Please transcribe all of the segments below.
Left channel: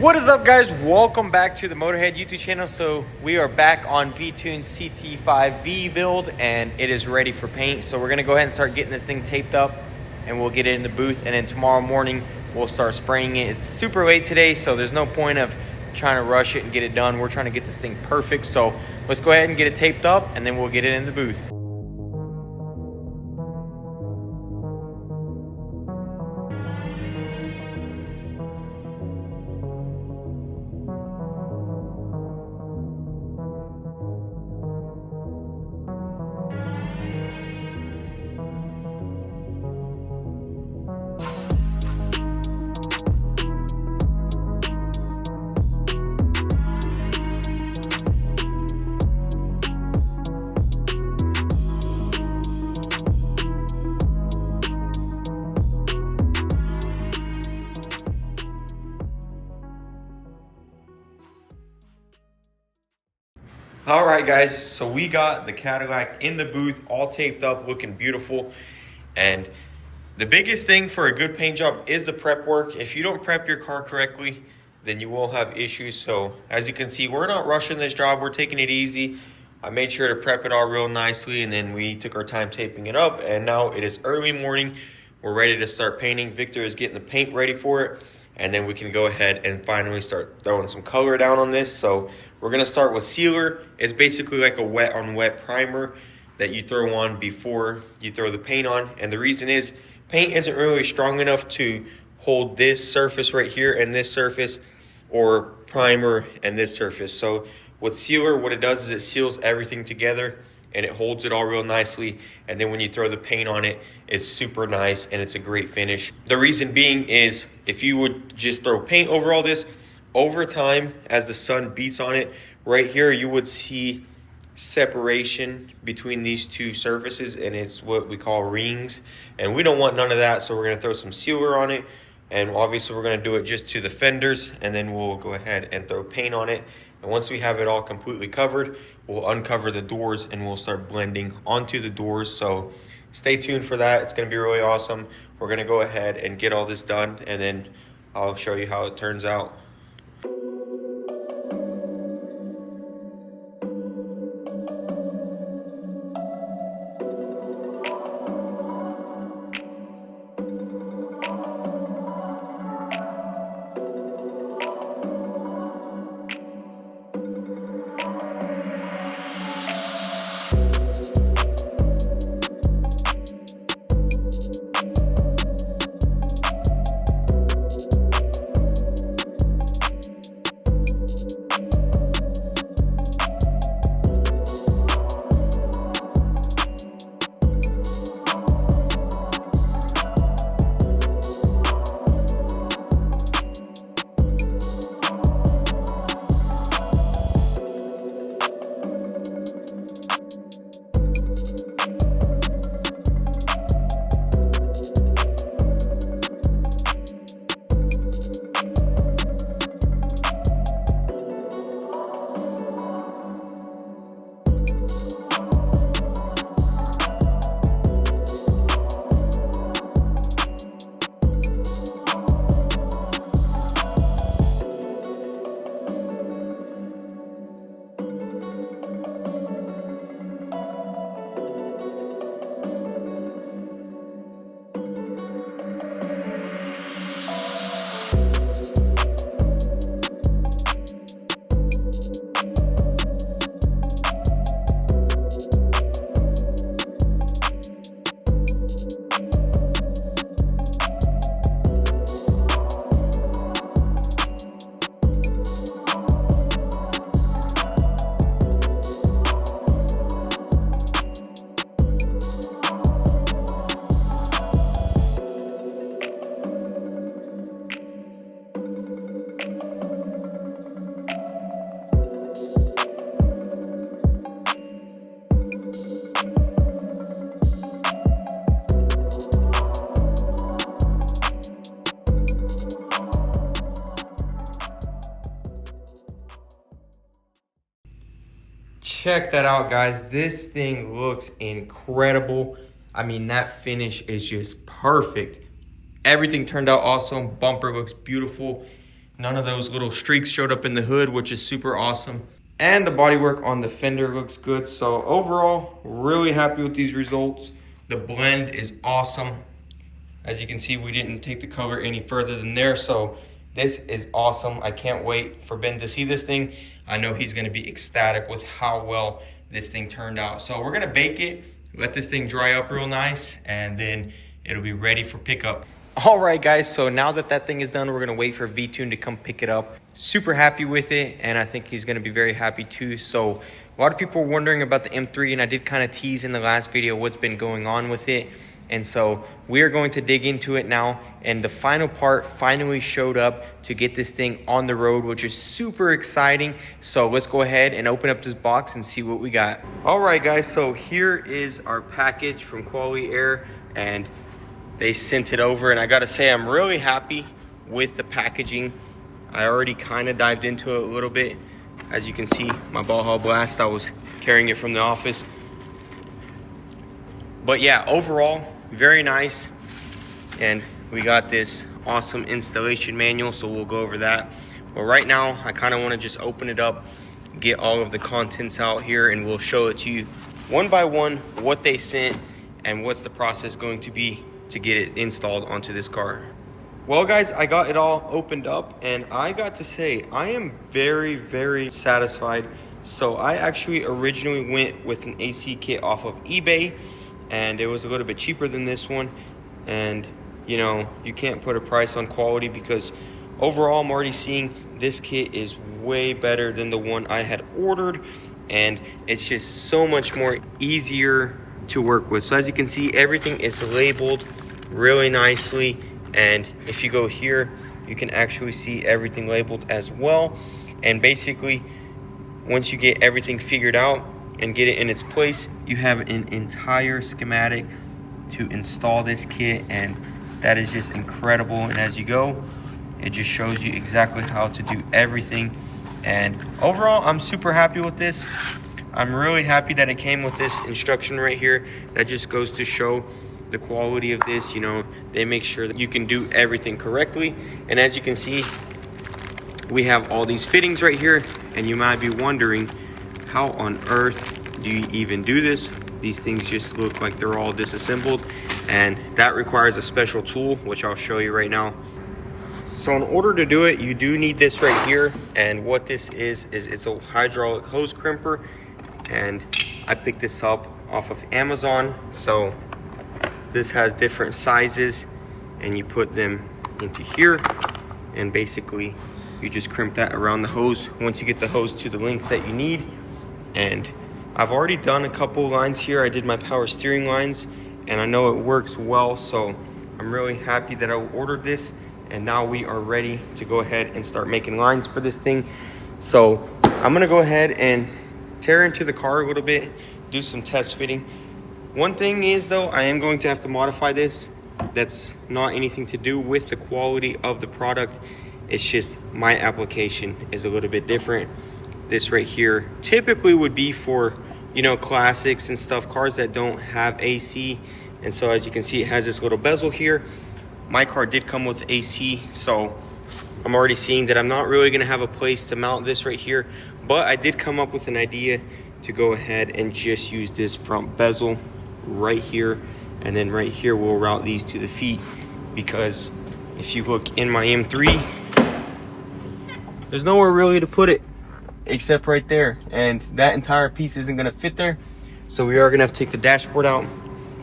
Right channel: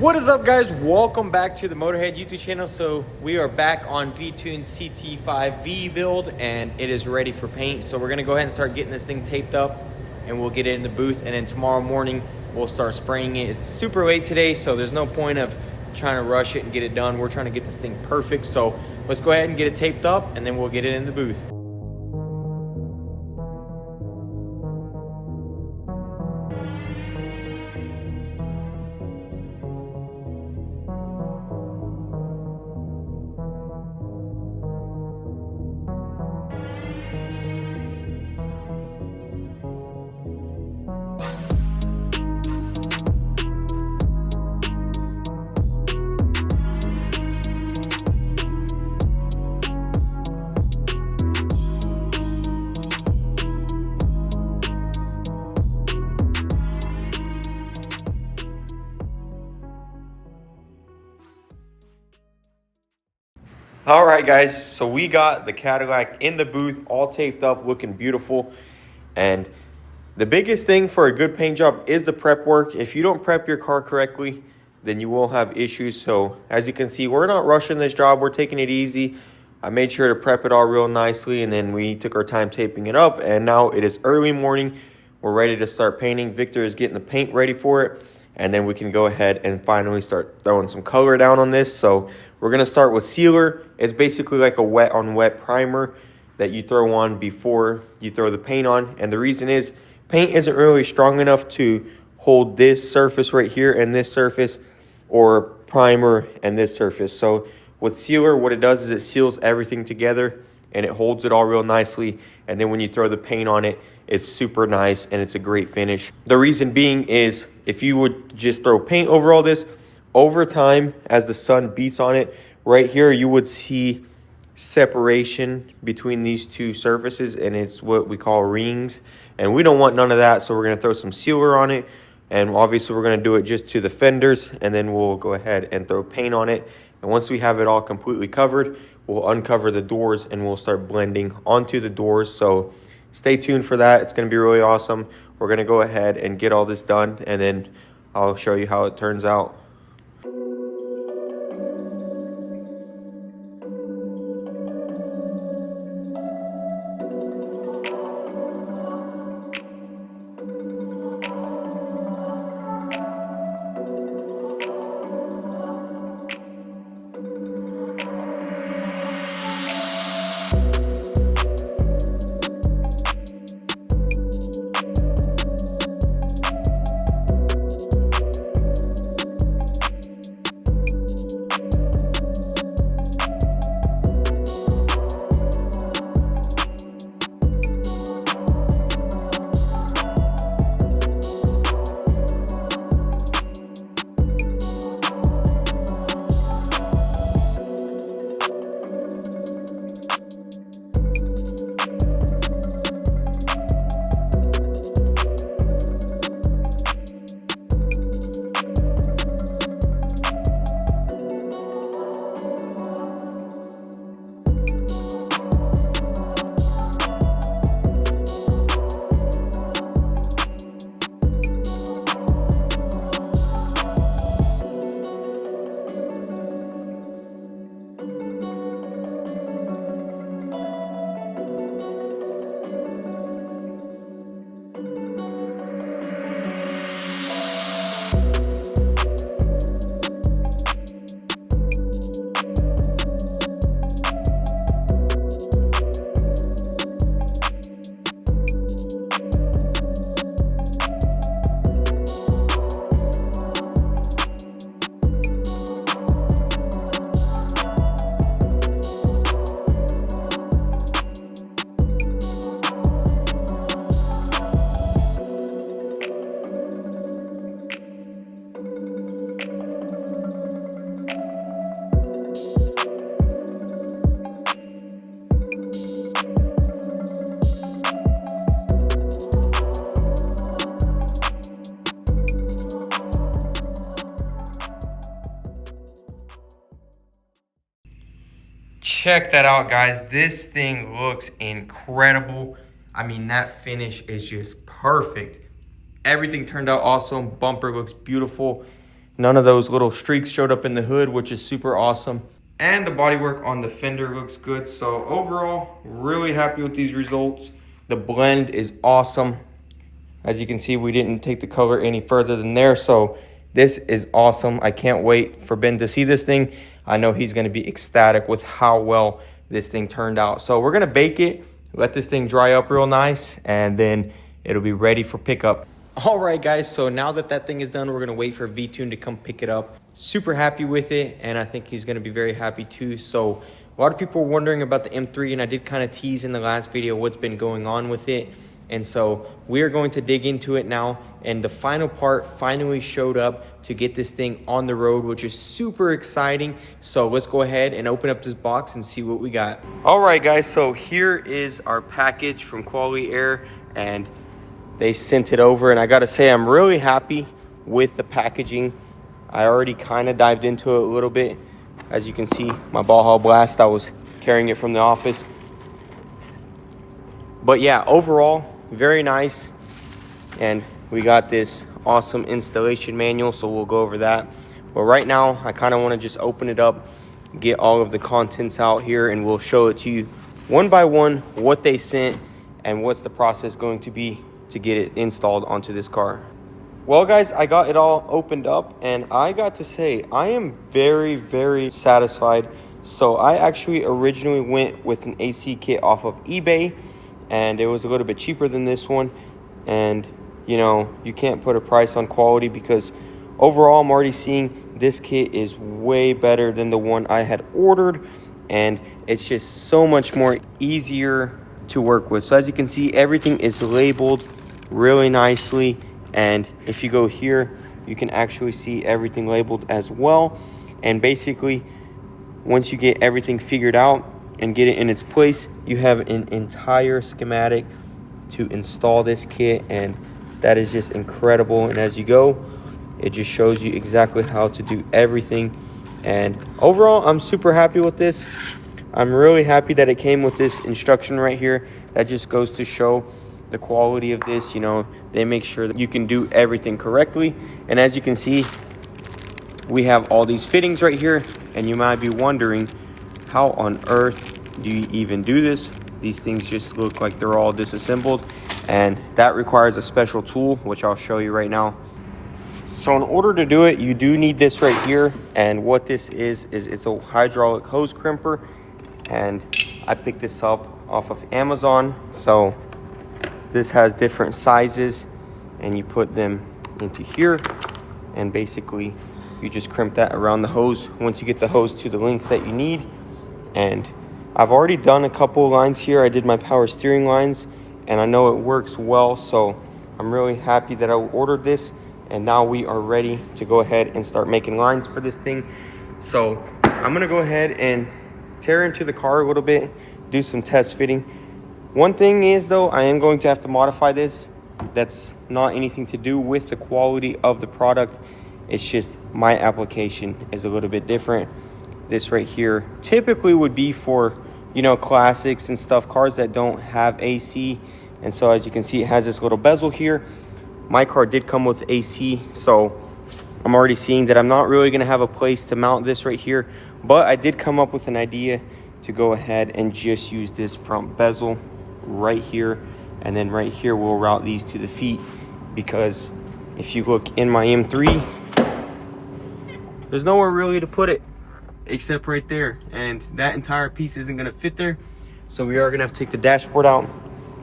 What is up, guys? Welcome back to the Motorhead YouTube channel. So we are back on V-Tune's CT5-V build and it is ready for paint. So we're gonna go ahead and start getting this thing taped up and we'll get it in the booth, and then tomorrow morning we'll start spraying it. It's super late today, so there's no point of trying to rush it and get it done. We're trying to get this thing perfect. So let's go ahead and get it taped up and then we'll get it in the booth. All right, guys, so we got the Cadillac in the booth, all taped up, looking beautiful. And the biggest thing for a good paint job is the prep work. If you don't prep your car correctly, then you will have issues. So as you can see, we're not rushing this job. We're taking it easy. I made sure to prep it all real nicely, and then we took our time taping it up. And now it is early morning. We're ready to start painting. Victor is getting the paint ready for it. And then we can go ahead and finally start throwing some color down on this. So we're gonna start with sealer. It's basically like a wet on wet primer that you throw on before you throw the paint on. And the reason is paint isn't really strong enough to hold this surface right here and this surface, or primer and this surface. So with sealer, what it does is it seals everything together and it holds it all real nicely. And then when you throw the paint on it, it's super nice and it's a great finish. The reason being is if you would just throw paint over all this, over time, as the sun beats on it, right here, you would see separation between these two surfaces, and it's what we call rings. And we don't want none of that, so we're gonna throw some sealer on it. And obviously we're gonna do it just to the fenders, and then we'll go ahead and throw paint on it. And once we have it all completely covered, we'll uncover the doors and we'll start blending onto the doors. So stay tuned for that. It's gonna be really awesome. We're gonna go ahead and get all this done, and then I'll show you how it turns out. Check that out, guys. This thing looks incredible. I mean, that finish is just perfect. Everything turned out awesome. Bumper looks beautiful. None of those little streaks showed up in the hood, which is super awesome. And the bodywork on the fender looks good. So overall, really happy with these results. The blend is awesome. As you can see, we didn't take the color any further than there. So this is awesome. I can't wait for Ben to see this thing. I know he's gonna be ecstatic with how well this thing turned out. So we're gonna bake it, let this thing dry up real nice, and then it'll be ready for pickup. All right, guys, so now that that thing is done, we're gonna wait for V-Tune to come pick it up. Super happy with it, and I think he's gonna be very happy too. So a lot of people were wondering about the M3, and I did kind of tease in the last video what's been going on with it. And so we are going to dig into it now, and the final part finally showed up to get this thing on the road, which is super exciting. So let's go ahead and open up this box and see what we got. All right, guys, so here is our package from Qualy Air, and they sent it over, and I gotta say I'm really happy with the packaging. I already kind of dived into it a little bit. As you can see, my ball haul blast, I was carrying it from the office. But yeah, overall, very nice. And we got this awesome installation manual, so we'll go over that. But right now, I kind of want to just open it up, get all of the contents out here, and we'll show it to you one by one, what they sent and what's the process going to be to get it installed onto this car. Well, guys, I got it all opened up, and I got to say, I am very, very satisfied. So I actually originally went with an AC kit off of eBay, and it was a little bit cheaper than this one. And you know, you can't put a price on quality, because overall I'm already seeing this kit is way better than the one I had ordered, and it's just so much more easier to work with. So as you can see, everything is labeled really nicely, and if you go here, you can actually see everything labeled as well. And basically, once you get everything figured out and get it in its place, you have an entire schematic to install this kit, and that is just incredible. And as you go, it just shows you exactly how to do everything. And overall, I'm super happy with this. I'm really happy that it came with this instruction right here. That just goes to show the quality of this. You know, they make sure that you can do everything correctly. And as you can see, we have all these fittings right here, and you might be wondering, how on earth do you even do this? These things just look like they're all disassembled, and that requires a special tool, which I'll show you right now. So in order to do it, you do need this right here, and what this is it's a hydraulic hose crimper, and I picked this up off of Amazon. So this has different sizes, and you put them into here, and basically you just crimp that around the hose once you get the hose to the length that you need. And I've already done a couple of lines here. I did my power steering lines, and I know it works well, so I'm really happy that I ordered this. And now we are ready to go ahead and start making lines for this thing. So I'm gonna go ahead and tear into the car a little bit, do some test fitting. One thing is though, I am going to have to modify this. That's not anything to do with the quality of the product. It's just my application is a little bit different. This right here typically would be for, you know, classics and stuff, cars that don't have AC. And so as you can see, it has this little bezel here. My car did come with AC, so I'm already seeing that I'm not really gonna have a place to mount this right here, but I did come up with an idea to go ahead and just use this front bezel right here, and then right here we'll route these to the feet, because if you look in my M3, there's nowhere really to put it except right there, and that entire piece isn't gonna fit there. So we are gonna have to take the dashboard out,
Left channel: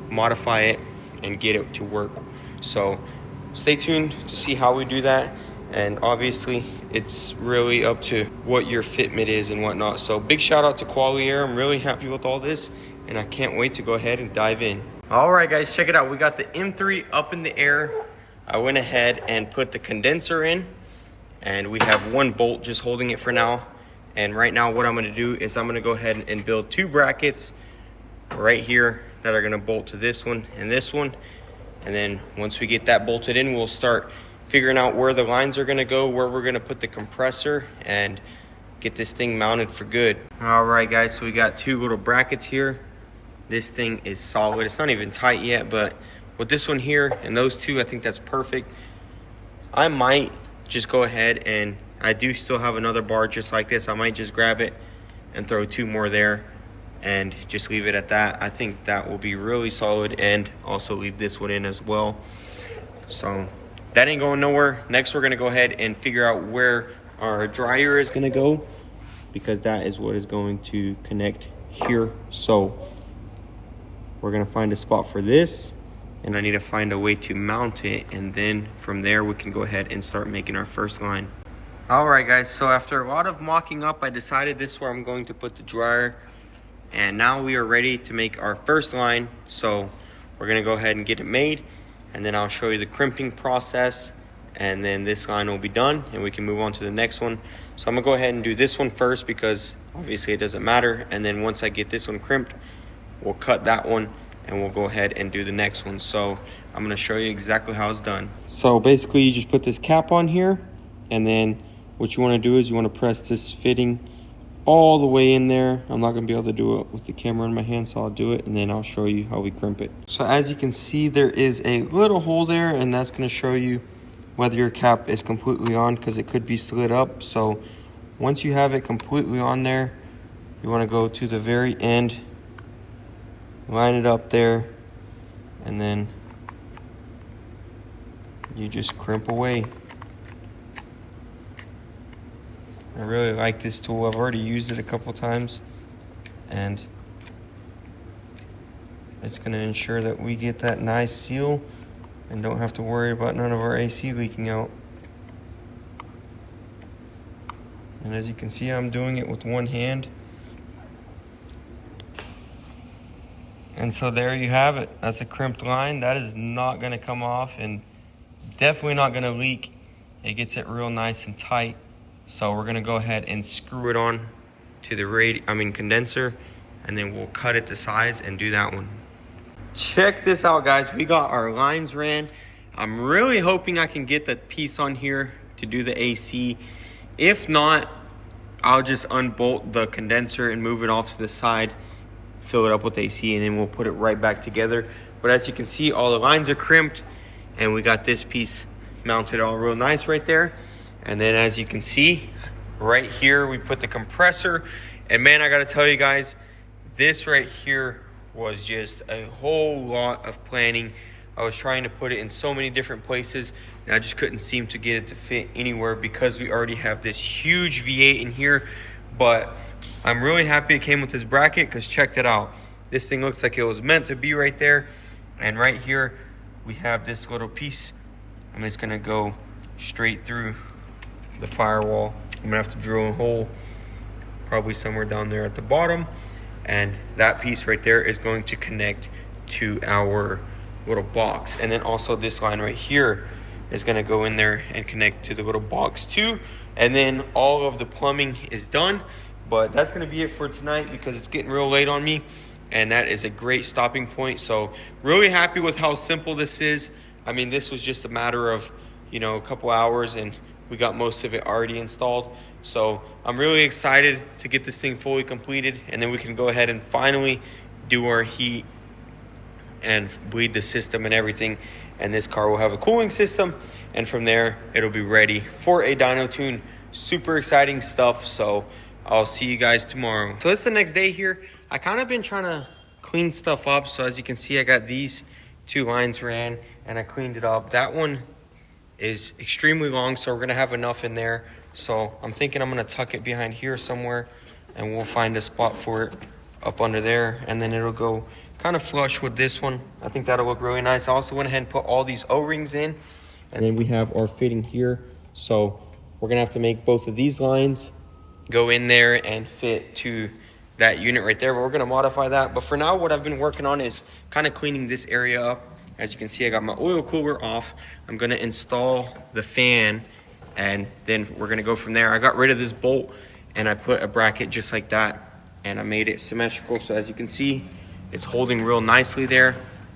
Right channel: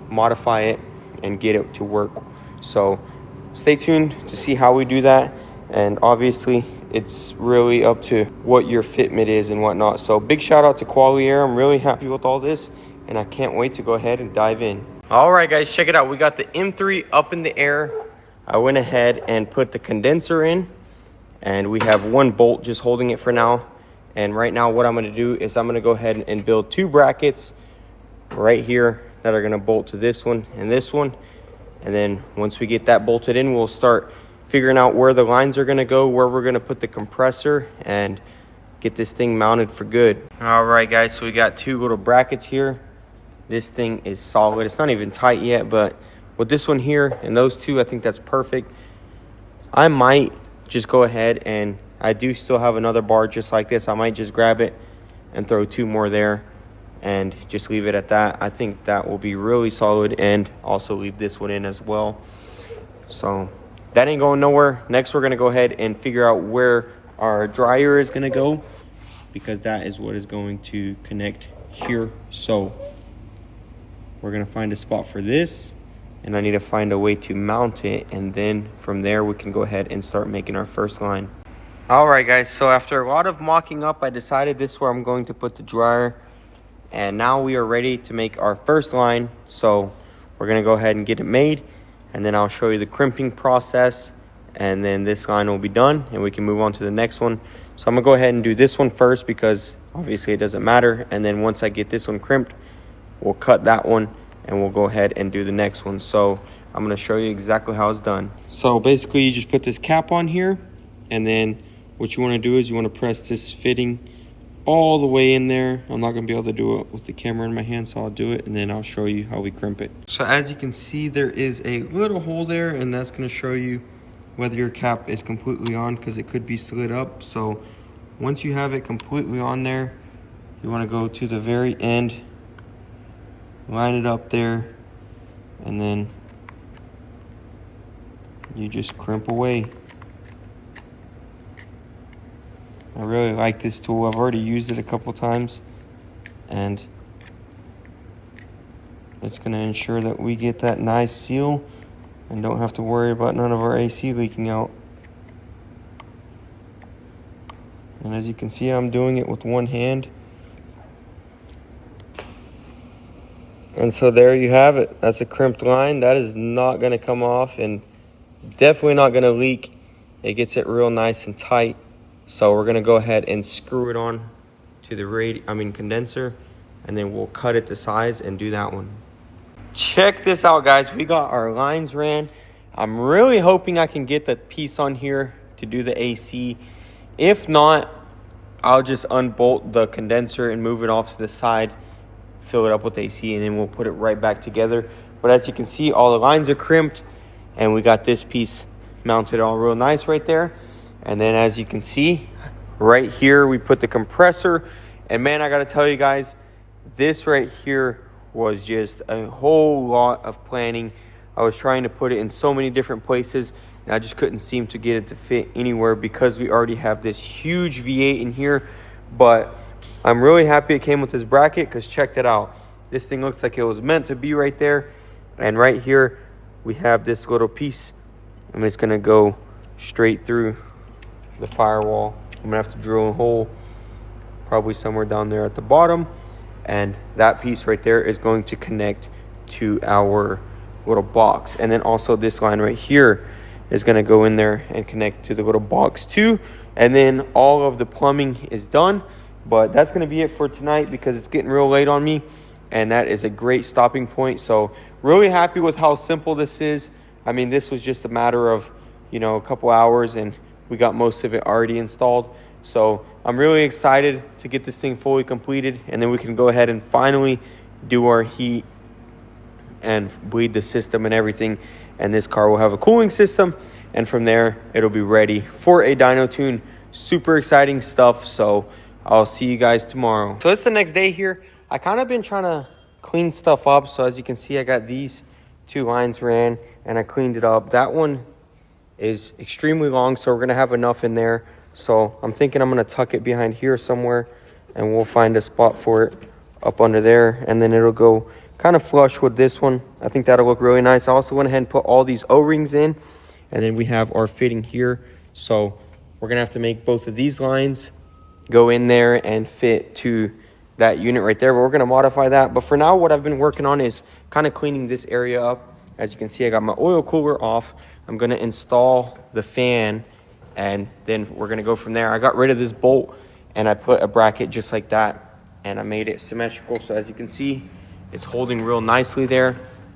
modify it, and get it to work. So stay tuned to see how we do that. And obviously it's really up to what your fitment is and whatnot. So big shout out to Qualy Air. I'm really happy with all this, and I can't wait to go ahead and dive in. All right, guys, check it out. We got the M3 up in the air. I went ahead and put the condenser in, and we have one bolt just holding it for now. And right now what I'm gonna do is I'm gonna go ahead and build two brackets right here that are gonna bolt to this one and this one. And then once we get that bolted in, we'll start figuring out where the lines are gonna go, where we're gonna put the compressor, and get this thing mounted for good. All right, guys, so we got two little brackets here. This thing is solid. It's not even tight yet, but with this one here and those two, I think that's perfect. I might just go ahead, and I do still have another bar just like this. I might just grab it and throw 2 more there and just leave it at that. I think that will be really solid, and also leave this one in as well. So that ain't going nowhere. Next, we're gonna go ahead and figure out where our dryer is gonna go, because that is what is going to connect here. So we're gonna find a spot for this, and I need to find a way to mount it, and then from there we can go ahead and start making our first line. All right guys, so after a lot of mocking up, I decided this is where I'm going to put the dryer, and now we are ready to make our first line. So we're gonna go ahead and get it made, and then I'll show you the crimping process, and then this line will be done and we can move on to the next one. So I'm gonna go ahead and do this one first, because obviously it doesn't matter, and then once I get this one crimped, we'll cut that one and we'll go ahead and do the next one. So I'm gonna show you exactly how it's done. So basically you just put this cap on here, and then what you wanna do is you wanna press this fitting all the way in there. I'm not gonna be able to do it with the camera in my hand, so I'll do it and then I'll show you how we crimp it. So as you can see, there is a little hole there, and that's gonna show you whether your cap is completely on, because it could be slid up. So once you have it completely on there, you wanna go to the very end, line it up there, and then you just crimp away. I really like this tool. I've already used it a couple times, and it's gonna ensure that we get that nice seal and don't have to worry about none of our AC leaking out. And as you can see, I'm doing it with one hand. And so there you have it. That's a crimped line. That is not gonna come off, and definitely not gonna leak. It gets it real nice and tight. So we're gonna go ahead and screw it on to the condenser, and then we'll cut it to size and do that one. Check this out guys, we got our lines ran. I'm really hoping I can get that piece on here to do the AC. If not, I'll just unbolt the condenser and move it off to the side, fill it up with AC, and then we'll put it right back together. But as you can see, all the lines are crimped, and we got this piece mounted all real nice right there. And then as you can see right here, we put the compressor, and man, I gotta tell you guys, this right here was just a whole lot of planning. I was trying to put it in so many different places, and I just couldn't seem to get it to fit anywhere, because we already have this huge V8 in here. But I'm really happy it came with this bracket, because check it out. This thing looks like it was meant to be right there. And right here, we have this little piece, and it's gonna go straight through the firewall. I'm gonna have to drill a hole probably somewhere down there at the bottom, and that piece right there is going to connect to our little box. And then also this line right here is gonna go in there and connect to the little box too. And then all of the plumbing is done. But that's gonna be it for tonight, because it's getting real late on me, and that is a great stopping point. So really happy with how simple this is. I mean, this was just a matter of, you know, a couple hours, and we got most of it already installed. So I'm really excited to get this thing fully completed, and then we can go ahead and finally do our heat and bleed the system and everything. And this car will have a cooling system, and from there it'll be ready for a dyno tune. Super exciting stuff. So I'll see you guys tomorrow. So it's the next day here. I kind of been trying to clean stuff up. So as you can see, I got these 2 lines ran, and I cleaned it up. That one is extremely long, so we're gonna have enough in there. So I'm thinking I'm gonna tuck it behind here somewhere, and we'll find a spot for it up under there, and then it'll go kind of flush with this one. I think that'll look really nice. I also went ahead and put all these O-rings in, and then we have our fitting here. So we're gonna have to make both of these lines go in there and fit to that unit right there, but we're gonna modify that. But for now, what I've been working on is kind of cleaning this area up. As you can see, I got my oil cooler off. I'm gonna install the fan, and then we're gonna go from there. I got rid of this bolt, and I put a bracket just like that, and I made it symmetrical. So as you can see, it's holding real nicely there,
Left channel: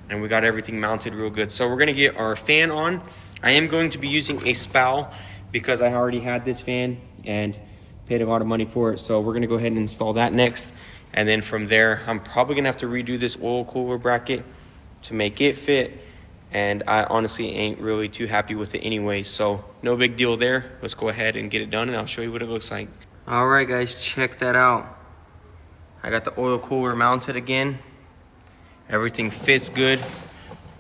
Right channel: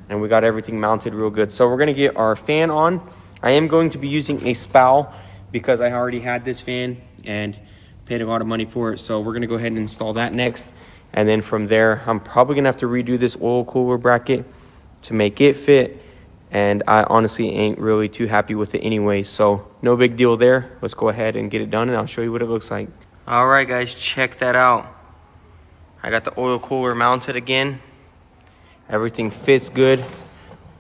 and we got everything mounted real good. So we're gonna get our fan on. I am going to be using a spout, because I already had this fan and paid a lot of money for it. So we're gonna go ahead and install that next. And then from there, I'm probably gonna have to redo this oil cooler bracket to make it fit. and I honestly ain't really too happy with it anyway. So no big deal there. Let's go ahead and get it done, and I'll show you what it looks like. All right, guys, check that out. I got the oil cooler mounted again. Everything fits good.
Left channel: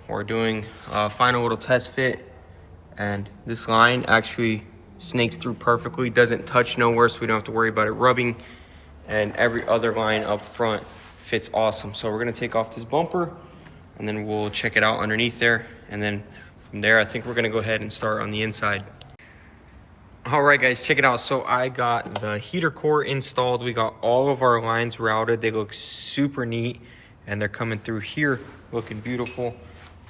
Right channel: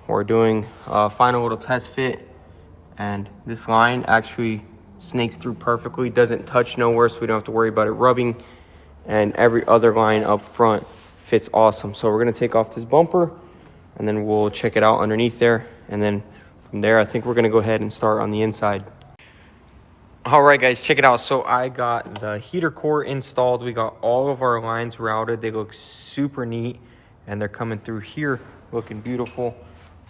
We're doing a final little test fit, and this line actually snakes through perfectly, doesn't touch nowhere, so we don't have to worry about it rubbing, and every other line up front fits awesome. So we're gonna take off this bumper, and then we'll check it out underneath there, and then from there I think we're gonna go ahead and start on the inside. All right, guys, check it out. So I got the heater core installed. We got all of our lines routed. They look super neat, and they're coming through here looking beautiful.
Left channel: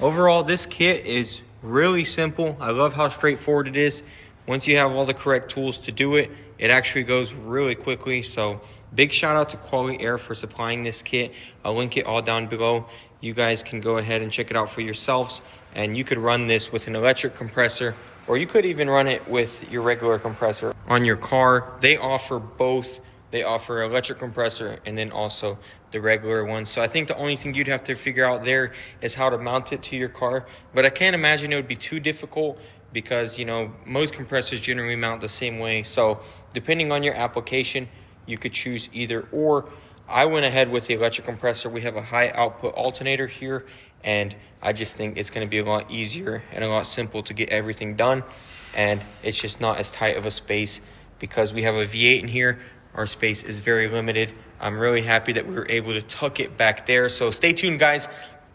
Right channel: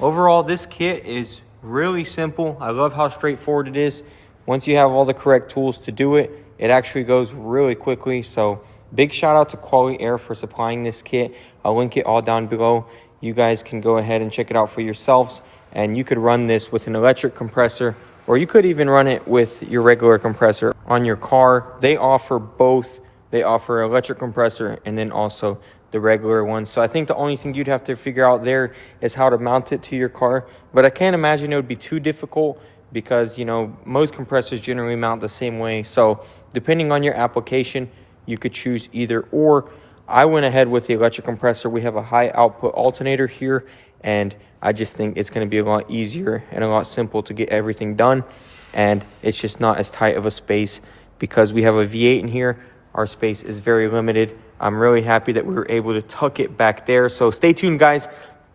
Overall, this kit is really simple. I love how straightforward it is. Once you have all the correct tools to do it, it actually goes really quickly. So big shout out to Qualy Air for supplying this kit. I'll link it all down below. You guys can go ahead and check it out for yourselves, and you could run this with an electric compressor, or you could even run it with your regular compressor on your car. They offer both. They offer electric compressor and then also the regular one. So I think the only thing you'd have to figure out there is how to mount it to your car. But I can't imagine it would be too difficult, because, you know, most compressors generally mount the same way. So depending on your application, you could choose either or. I went ahead with the electric compressor. We have a high output alternator here, and I just think it's going to be a lot easier and a lot simple to get everything done. And it's just not as tight of a space because we have a V8 in here. Our space is very limited. I'm really happy that we were able to tuck it back there. So stay tuned, guys.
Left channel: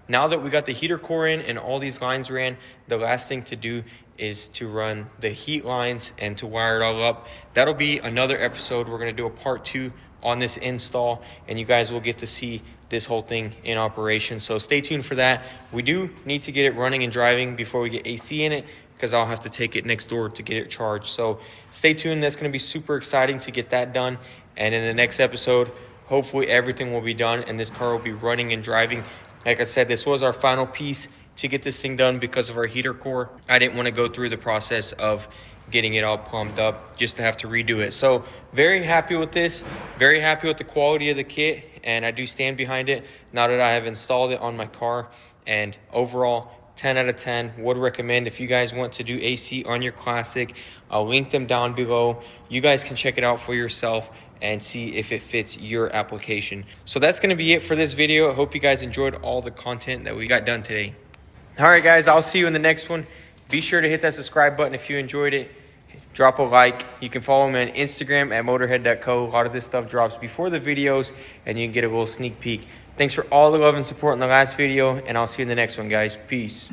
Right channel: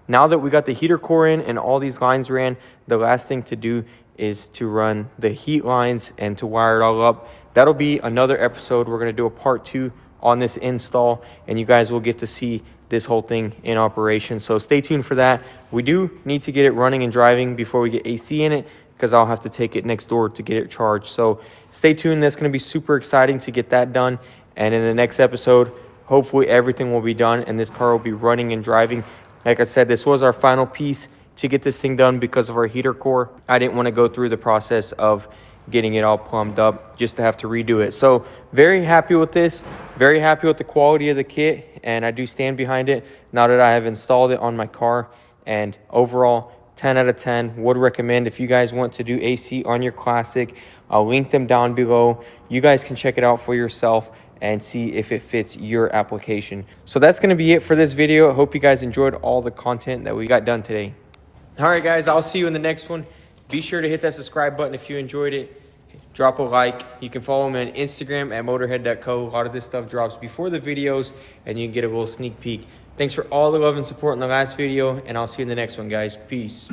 Now that we got the heater core in and all these lines ran, the last thing to do is to run the heat lines and to wire it all up. That'll be another episode. We're going to do a part 2 on this install, and you guys will get to see this whole thing in operation. So stay tuned for that. We do need to get it running and driving before we get AC in it, because I'll have to take it next door to get it charged. So stay tuned. That's going to be super exciting to get that done. And in the next episode, hopefully everything will be done and this car will be running and driving. Like I said, this was our final piece to get this thing done because of our heater core. I didn't want to go through the process of getting it all plumbed up just to have to redo it. So very happy with this, very happy with the quality of the kit, and I do stand behind it now that I have installed it on my car. And overall, 10 out of 10. Would recommend if you guys want to do AC on your Classic. I'll link them down below. You guys can check it out for yourself and see if it fits your application. So that's going to be it for this video. I hope you guys enjoyed all the content that we got done today. All right, guys, I'll see you in the next one. Be sure to hit that subscribe button if you enjoyed it. Drop a like. You can follow me on Instagram at motorhead.co. A lot of this stuff drops before the videos, and you can get a little sneak peek. Thanks for all the love and support in the last video, and I'll see you in the next one, guys. Peace.